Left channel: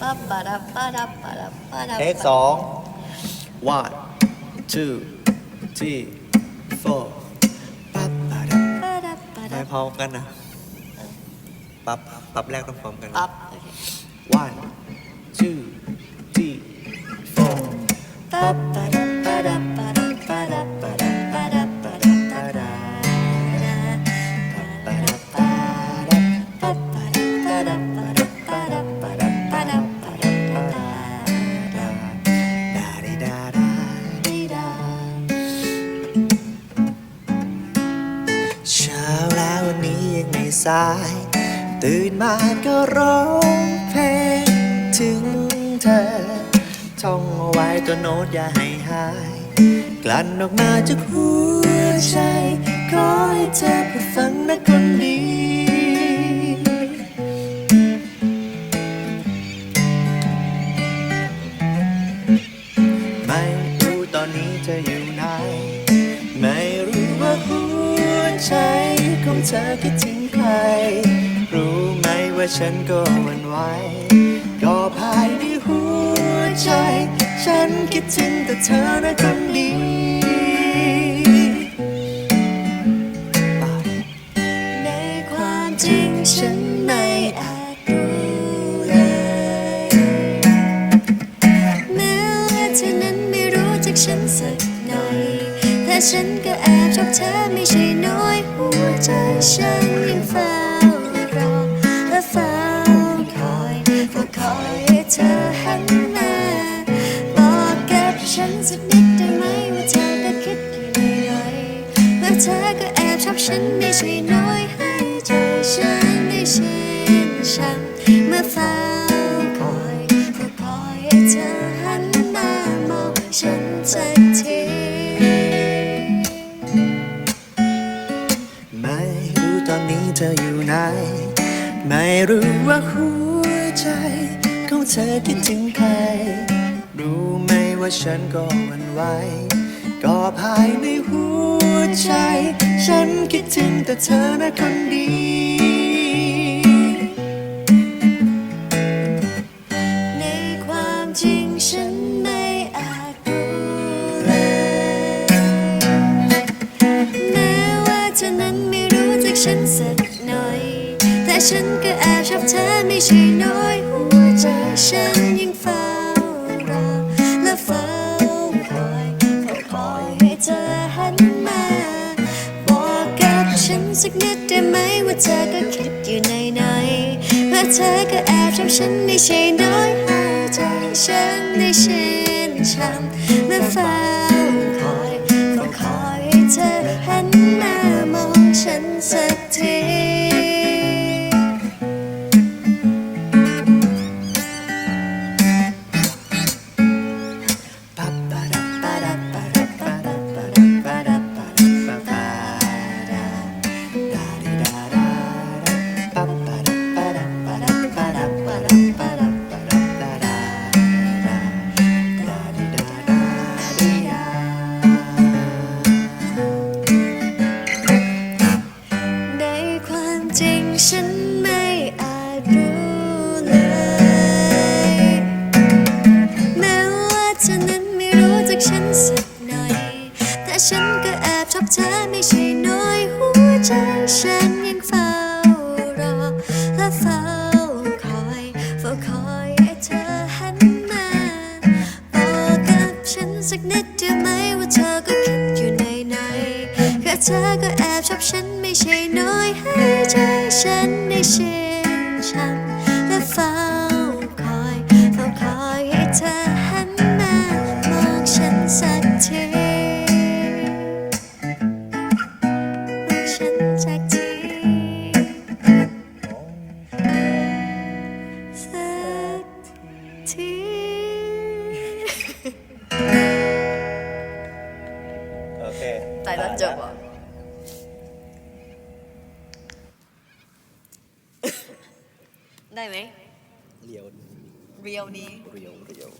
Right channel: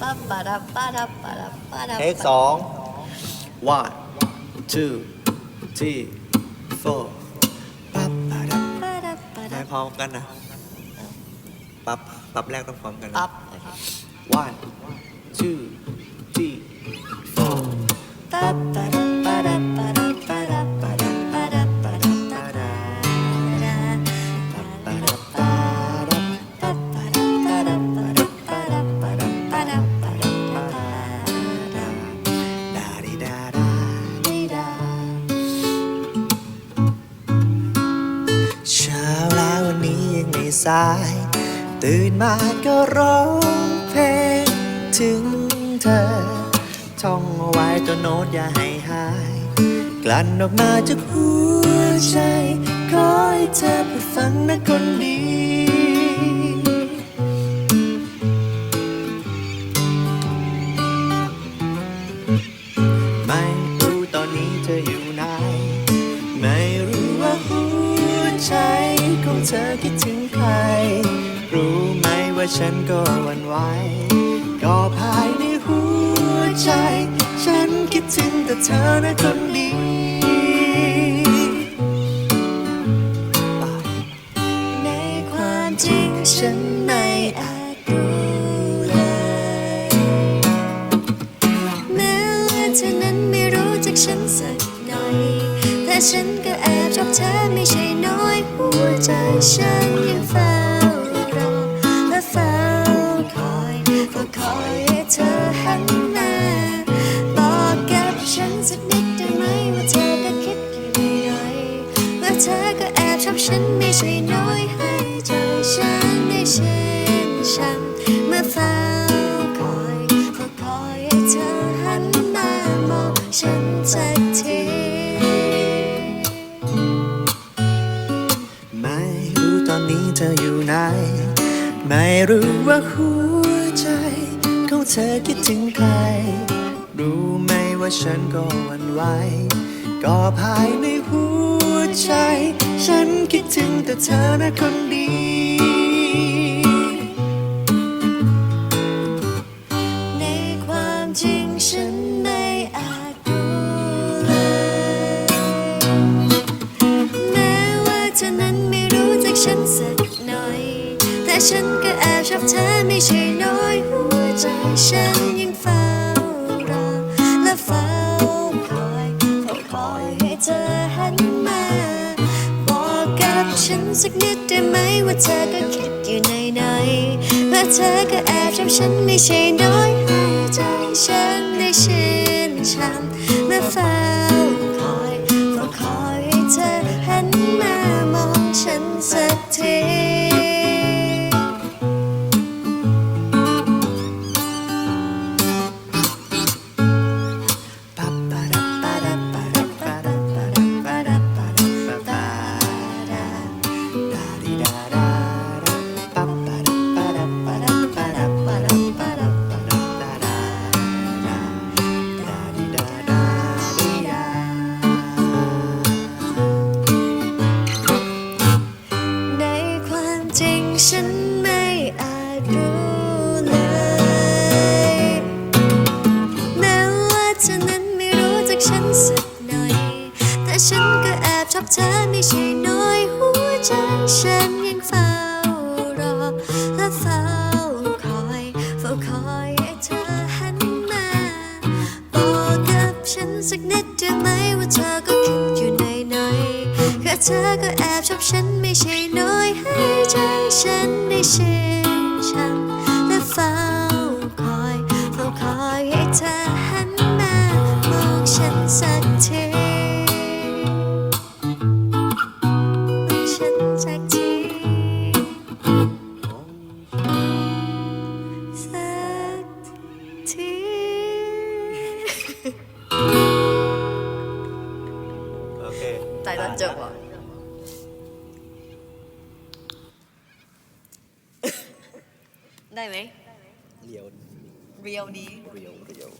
ปั๊บปะดับปะดับปะดับปะดับเทคสอง one two three four ปั๊บปั๊บปะดับปะดัไม่บพร้อมกันนะ ปั๊บ ปั๊บแรกต้องพร้อมกันนะ ปั๊บโอเค one two three four ปั๊บปะดับ สาย ตื่นมาก็ร้องเพลงถึงเธอ ท่องเอาไว้ตัวโน้ตอย่าให้หาย กลั่นออกมาจากหัวใจขอให้เธอเปิดฟังนะคนดีไม่รู้ตอนนี้เธออยู่ไหน ไม่รู้ว่าหัว ใจของเธอคิดถึงใคร รู้ไหมว่าฉันก็วันไหวก็ภายในหัวใจ ฉันคิดถึงแต่เธอนะคนดีในความจริงฉันไม่อาจรู้เลยแม้ว่าเธอนั้นไม่รู้จักฉันสักหน่อย แต่ฉันก็แอบชอบเธอไม่ใช่น้อยหัวใจฉันยังเฝ้ารอและเฝ้าคอยเฝ้าคอยให้เธอหันมาบอกกับฉันสักนิดได้ไหมว่าเธอก็คิดอยู่ในใจว่าเธอก็แอบชอบฉันไม่ใช่น้อยให้ใจฉันได้ชื่นช่ำเมื่อเฝ้าคอยเฝ้าคอยให้เธอหันมามองฉันสัก นี้เธออยู่ไหน ไม่รู้ว่าหัวใจของเธอคิดถึงใคร รู้ไหมว่าฉันก็หวันไหวก็ภายในหัวใจ ฉันคิดถึงแต่เธอนะคนดี ฉันก็แอบชอบเธอไม่ใช่น้อย หัวใจฉันยังเฝ้ารอและเฝ้าคอยเฝ้าคอยให้เธอหันมา บอกกับฉันสักนิดได้ไหมว่าเธอก็คิดอยู่ในในๆว่าเธอก็แอบชอบฉันไม่ใช่น้อยให้ใจฉันได้ชื่นช่ำเมื่อเฝ้าคอยเฝ้าคอยให้เธอหันมามองฉันสักที ฉันยังเฝ้ารอและเฝ้าคอย เฝ้าคอยให้เธอหันมาบอกกับฉันสักนิดได้ไหมว่าเธอก็คิดอยู่ในในๆแค่เธอก็แอบชอบฉันไม่ใช่น้อยให้ใจฉันได้ชื่นช่ำและเฝ้าคอย เฝ้าคอยให้เธอหัน ตายตอนจบอะได้ไหมเรียวเรียวดีเรียวเรียว